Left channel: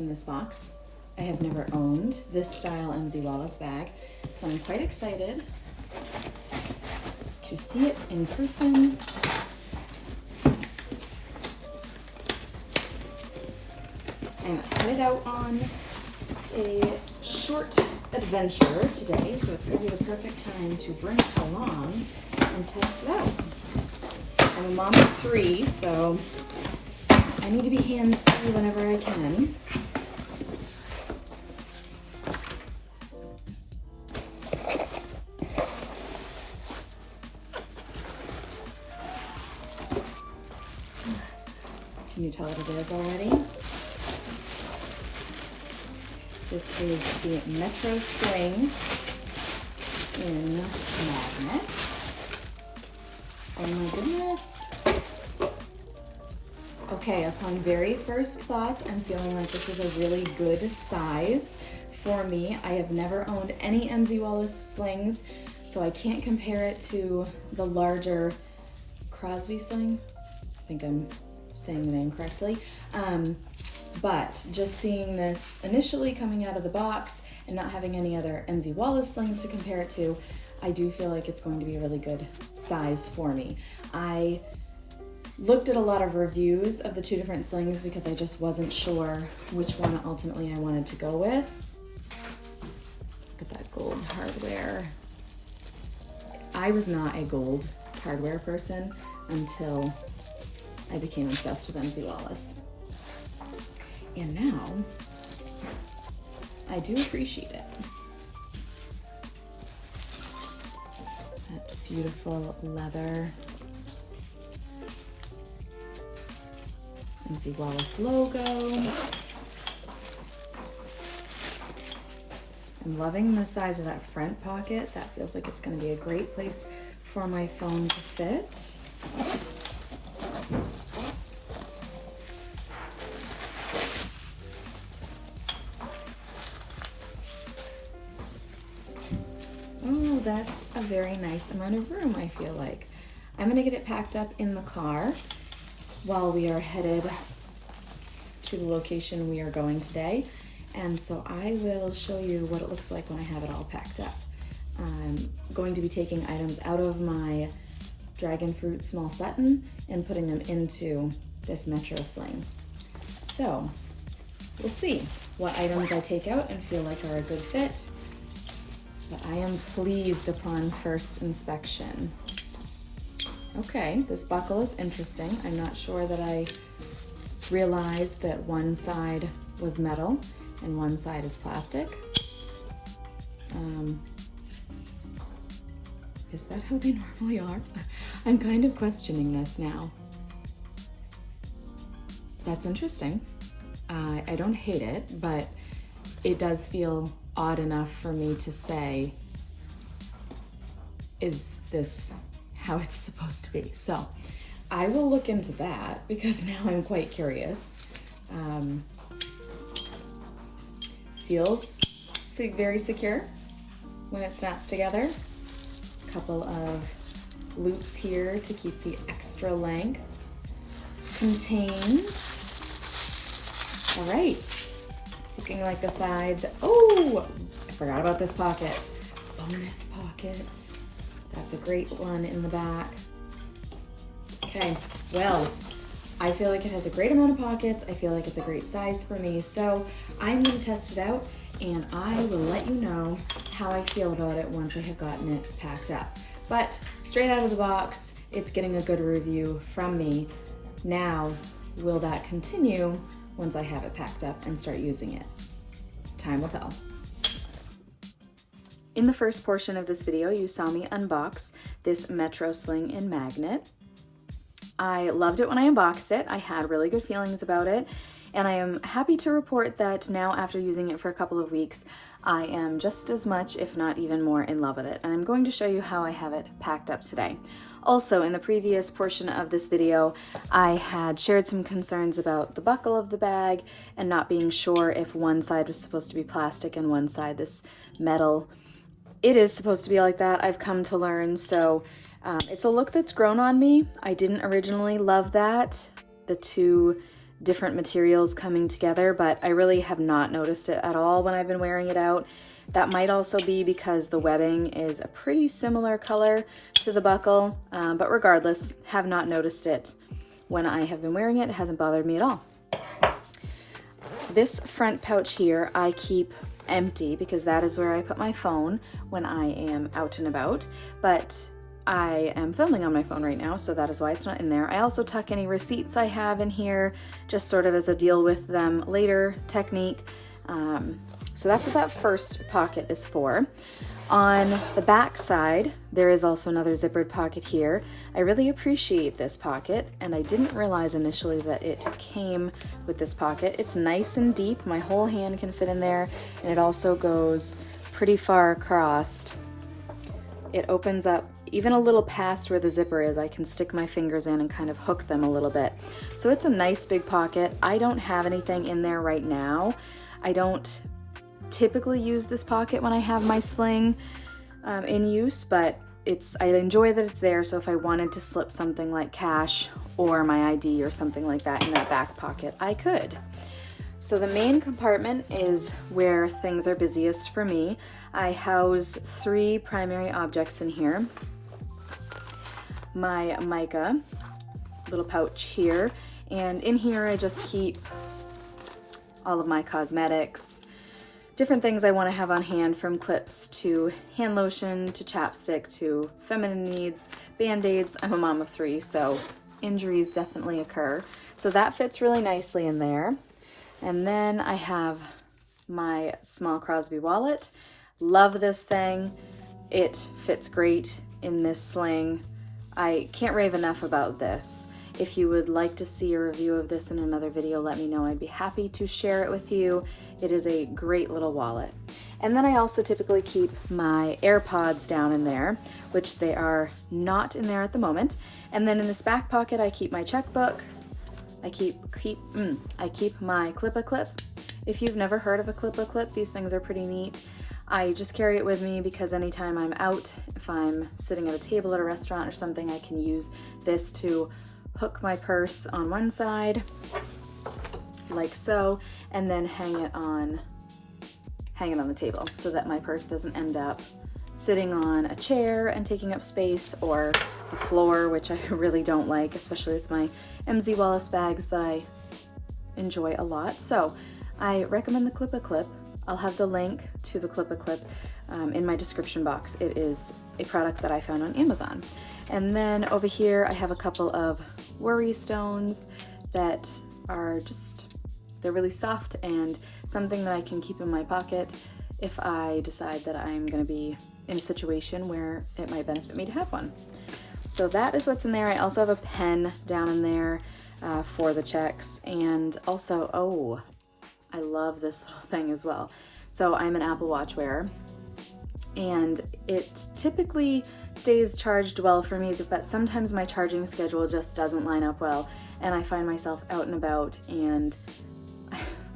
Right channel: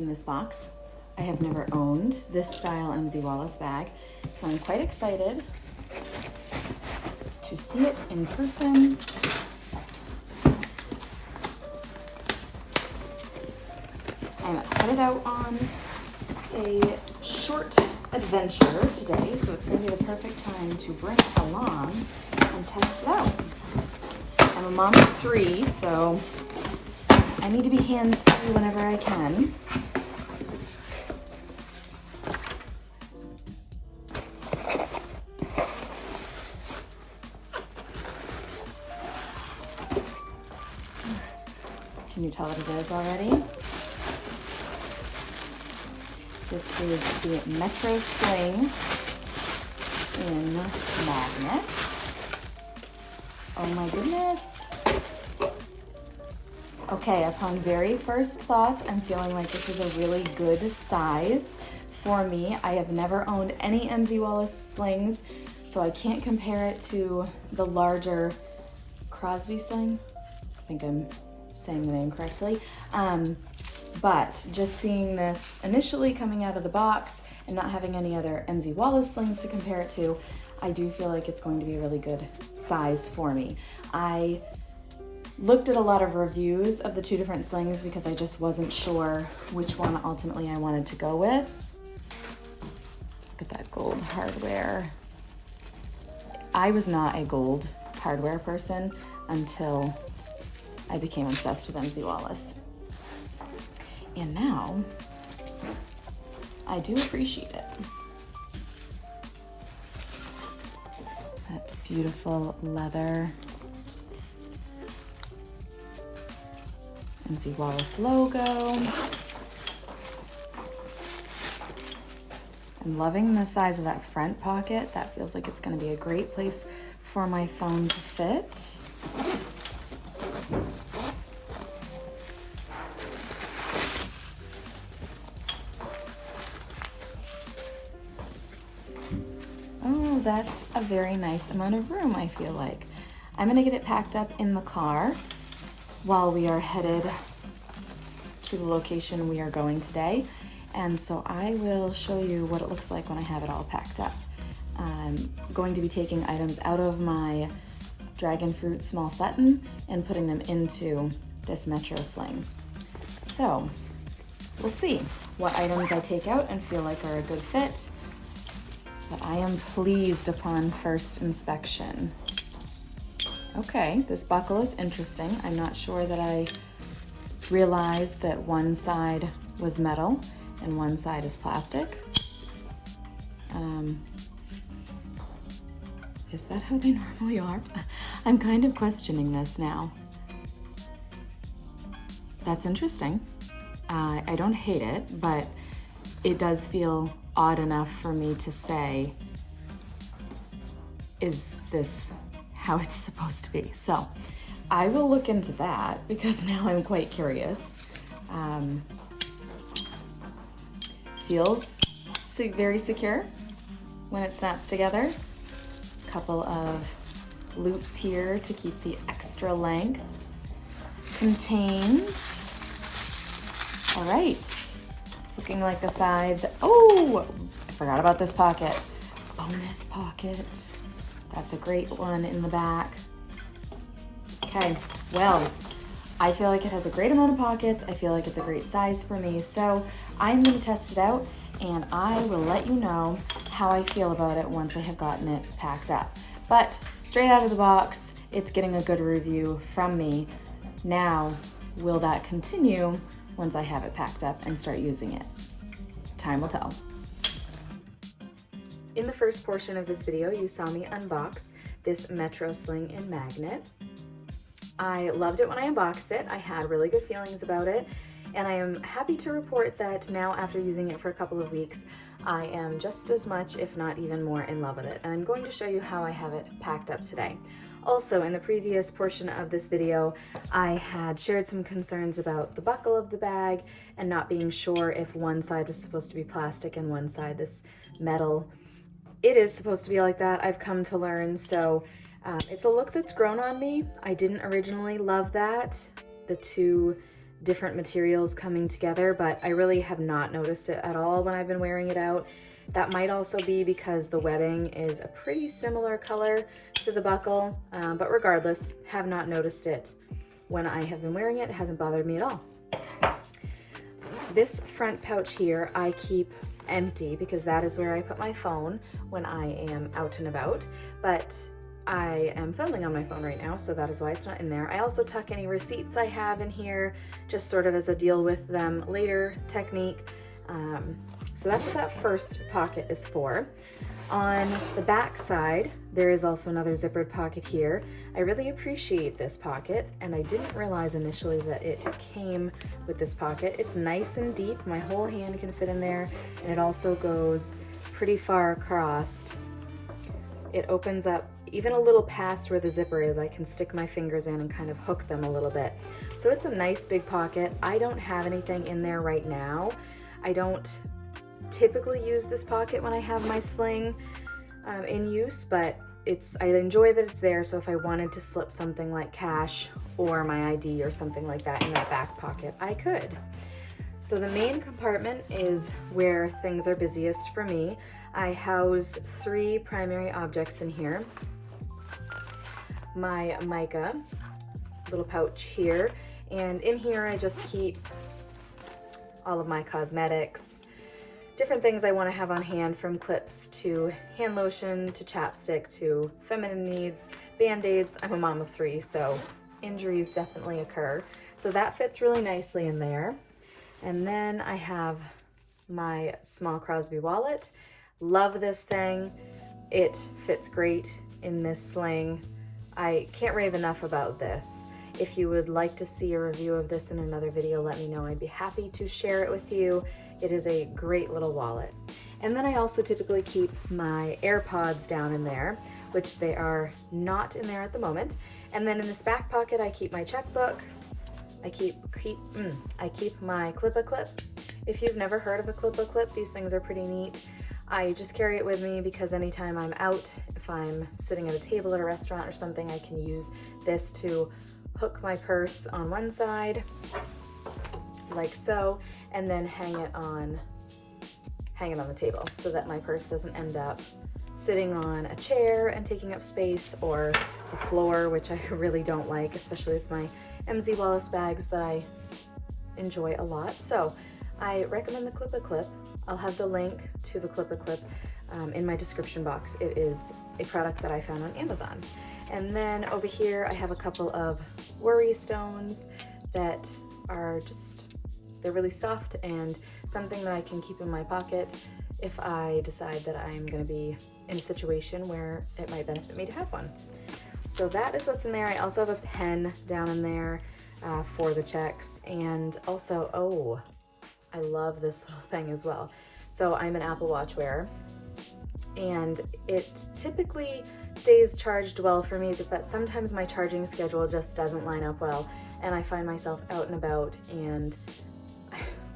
in this box. I have never owned this style MZ Wallace bag, so I'm quite excited to see it in person. I'm headed out on a short adventure today, so it's going to be the perfect time to bring it along and test it out. I'm a mom of 3, so I need to be hands-free whenever I can. Can you tell what it is already? This is the Metro Sling in magnet. Oh my goodness. Okay, upon very first thoughts, I'm feeling like this is a really good size for me. I have never owned any MZ Wallace slings, so I can't compare it to the larger Crosby sling. I think I'm saying the name correctly. But just seeing this initially coming out of the box and not having any other MZ Wallace slings to compare it to, I do feel like it's going to be a really good size for me. I looked at a lot of reviews of the 2 different slings because I just wasn't sure which one ultimately I wanted to go with. Look at that gold hardware. I was not a gold hardware person until I became obsessed with MZ Wallace. And now, I do appreciate it. That beautiful leather MZ Wallace logo. I'm loving the size of that front pocket. That feels like it's going to be a great place for my phone to fit. Oh, that's a very nice amount of room, I feel like. I'm going to get it packed up in the car while we are headed to the location we are going today. And so I will show you what it looks like when I have it all packed up. I'm going to be taking items out of my dragon fruit small Sutton and putting them into this Metro Sling. So we'll see what items I take out and feel like are a good fit. But I am pleased upon first inspection. Okay, this buckle is interesting. I'm not sure that I realized that one side was metal and one side is plastic. Is that how they normally are? I'm kind of questioning this now. That's interesting. I don't hate it, but it does feel odd enough for me to say, is this how it's supposed to be? So I will look into that because now I'm quite curious. Feels very secure when it snaps together. A couple of loops here to keep the extra length contained. All right, it's looking like the side. Oh, I forgot about this pocket. Bonus pocket. That's a great one in the back. Okay, well, I feel like it has a great amount of pockets. I feel like it's a great size for me. So I'm gonna test it out and I will let you know how I feel about it once I have gotten it packed up. But straight out of the box, it's getting a good review from me. Now, will that continue once I have it packed up and start using it? Time will tell. In the first portion of this video, you saw me unbox this Metro Sling in magnet. I loved it when I unboxed it. I had really good feelings about it, and I am happy to report that now, after using it for a couple of weeks, I am just as much, if not even more, in love with it. And I'm going to show you how I have it packed up today. Also, in the previous portion of this video, I had shared some concerns about the buckle of the bag and not being sure if one side was supposed to be plastic and one side this metal. It is supposed to be like that, I've come to learn, so it's a look that's grown on me. I didn't originally love that. The two different materials coming together, but I really have not noticed it at all when I've been wearing it out. That might also be because the webbing is a pretty similar color to the buckle, but regardless, have not noticed it when I have been wearing it. It hasn't bothered me at all. This front pouch here I keep empty because that is where I put my phone when I am out and about, but I am filming on my phone right now, so that is why it's not in there. I also tuck any receipts I have in here, just sort of as a deal with them later technique. So that's what that first pocket is for. On the back side, there is also another zippered pocket here. I really appreciate this pocket, and I didn't realize initially that it came with this pocket. It's nice and deep, my whole hand can fit in there, and it also goes pretty far across. It opens up even a little past where the zipper is. I can stick my fingers in and kind of hook them a little bit. So it's a nice big pocket. I don't have anything in there right now. I don't typically use this pocket when I have my sling in use, but I enjoy that it's there, so if I wanted to slip something like cash or my ID or something like that in that back pocket, I could. So the main compartment is where things are busiest for me. I house 3 primary objects in here. My mica little pouch here, and in here I just keep all of my cosmetics, different things I want to have on hand, from clips to hand lotion to chapstick to feminine needs, band-aids. I'm a mom of 3, so injuries definitely occur. So that fits really nicely in there. And then I have my small Crosby wallet. Love this thing. It fits great in this sling. I can't rave enough about this. If you would like to see a review of this in another video, let me know. I'd be happy to share it with you. It is a great little wallet. And then I also typically keep my AirPods down in there, which they are not in there at the moment. And then in this back pocket, I keep my checkbook. I keep my clip-a-clip. If you've never heard of a clip-a-clip, these things are pretty neat. I just carry it with me because anytime I'm out, if I'm sitting at a table at a restaurant or something, I can use this to hook my purse on one side, like so, and then hang it on the table so that my purse doesn't end up sitting on a chair and taking up space, or the floor, which I really don't like, especially with my MZ Wallace bags that I enjoy a lot. So I recommend the Clip-a-Clip. I'll have the link to the Clip-a-Clip in my description box. It is a product that I found on Amazon. And then over here I have a couple of worry stones that are they're really soft and something that I can keep in my pocket if I decide that I'm going to be in a situation where it might benefit me to have one. So that is what's in there. I also have a pen down in there for the checks, and also, oh, I love this little thing as well. So I'm an Apple Watch wearer, and it typically stays charged well for me, but sometimes my charging schedule just doesn't line up well, and I find myself out and about, and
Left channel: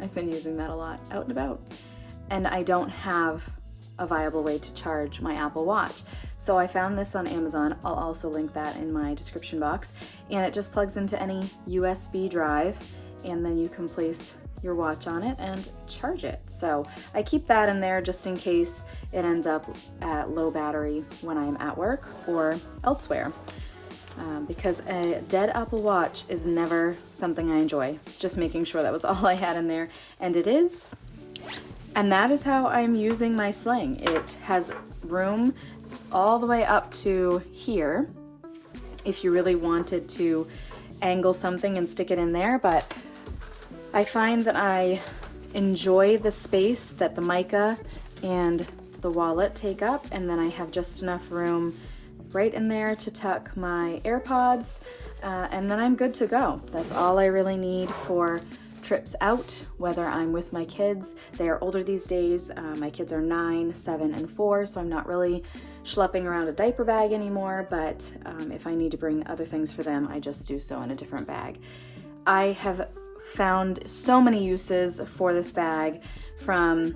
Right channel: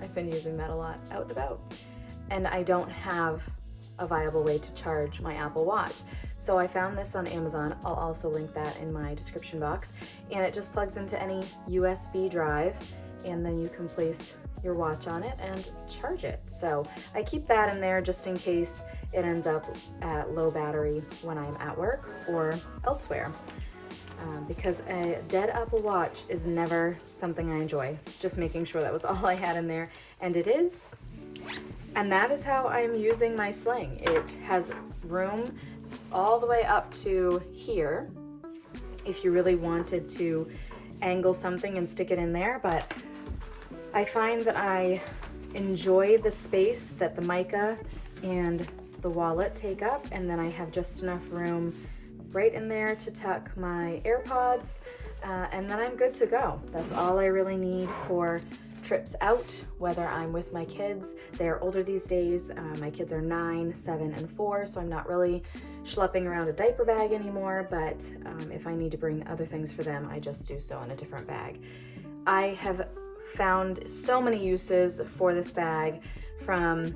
I've been using that a lot, out and about, and I don't have a viable way to charge my Apple Watch. So I found this on Amazon. I'll also link that in my description box, and it just plugs into any USB drive, and then you can place your watch on it and charge it. So I keep that in there just in case it ends up at low battery when I'm at work or elsewhere. Because a dead Apple Watch is never something I enjoy. It's just making sure that was all I had in there, and it is. And that is how I'm using my sling. It has room all the way up to here if you really wanted to angle something and stick it in there, but I find that I enjoy the space that the mica and the wallet take up, and then I have just enough room right in there to tuck my AirPods, and then I'm good to go. That's all I really need for trips out, whether I'm with my kids. They are older these days. My kids are 9, 7, and 4, so I'm not really schlepping around a diaper bag anymore, but if I need to bring other things for them, I just do so in a different bag. I have found so many uses for this bag, from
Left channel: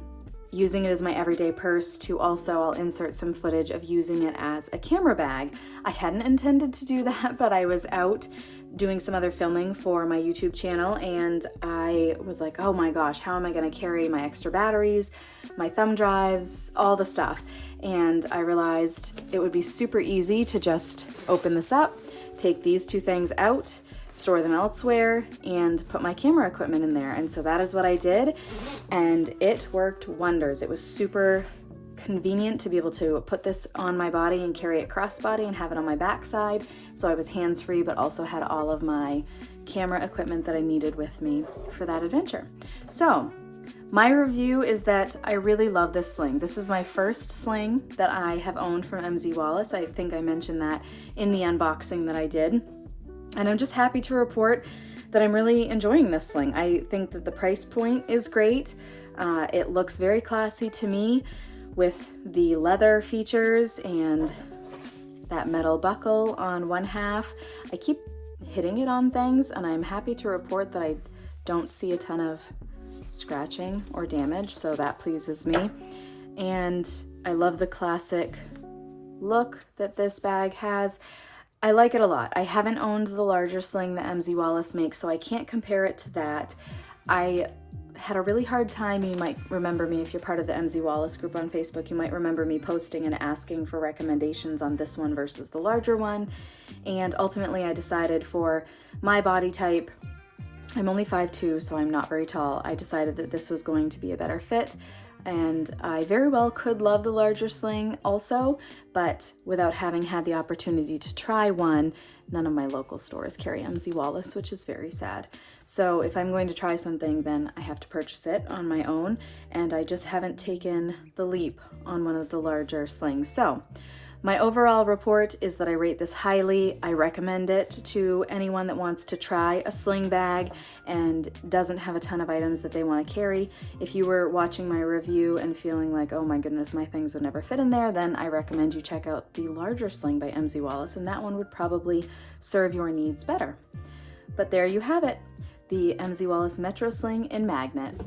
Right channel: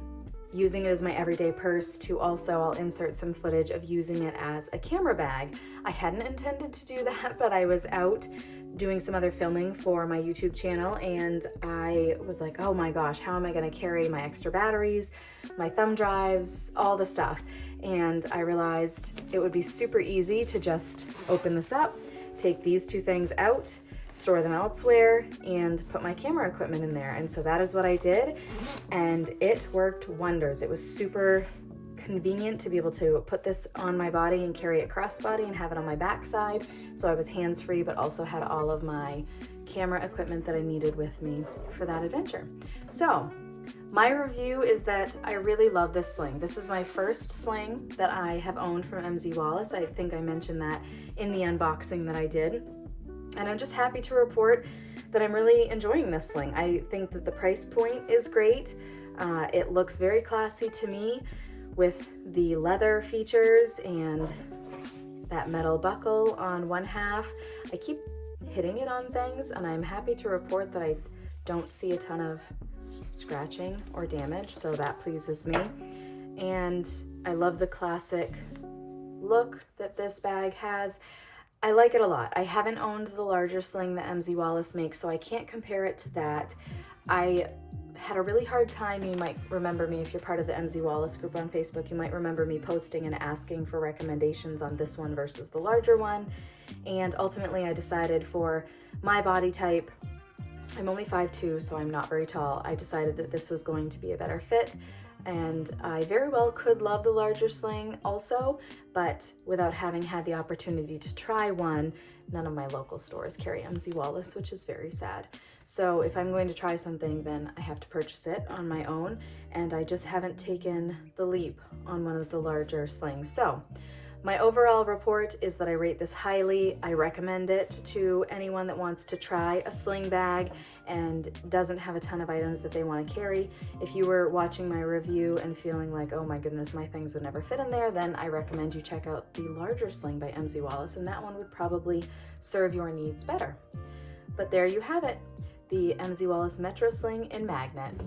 using it as my everyday purse to also I'll insert some footage of using it as a camera bag. I hadn't intended to do that, but I was out doing some other filming for my YouTube channel, and I was like, oh my gosh, how am I gonna carry my extra batteries, my thumb drives, all the stuff? And I realized it would be super easy to just open this up, take these two things out, store them elsewhere, and put my camera equipment in there. And so that is what I did, and it worked wonders. It was super convenient to be able to put this on my body and carry it crossbody and have it on my backside, so I was hands-free but also had all of my camera equipment that I needed with me for that adventure. So my review is that I really love this sling. This is my first sling that I have owned from MZ Wallace. I think I mentioned that in the unboxing that I did, and I'm just happy to report that I'm really enjoying this sling. I think that the price point is great. It looks very classy to me, with the leather features and that metal buckle on one half. I keep hitting it on things, and I'm happy to report that I don't see a ton of scratching or damage, so that pleases me. And I love the classic look that this bag has. I like it a lot. I haven't owned the larger sling that MZ Wallace makes, so I can't compare it to that. I had a really hard time. You might remember me if you're part of the MZ Wallace group on Facebook. You might remember me posting and asking for recommendations on this one versus the larger one. And ultimately I decided for my body type, I'm only 5'2", so I'm not very tall. I decided that this was going to be a better fit, and I very well could love the larger sling also, but without having had the opportunity to try one, none of my local stores carry MZ Wallace, which is very sad. So if I'm going to try something, then I have to purchase it on my own, and I just haven't taken the leap on one of the larger slings. So my overall report is that I rate this highly. I recommend it to anyone that wants to try a sling bag and doesn't have a ton of items that they want to carry. If you were watching my review and feeling like, oh my goodness, my things would never fit in there, then I recommend you check out the larger sling by MZ Wallace, and that one would probably serve your needs better. But there you have it, the MZ Wallace Metro Sling in Magnet.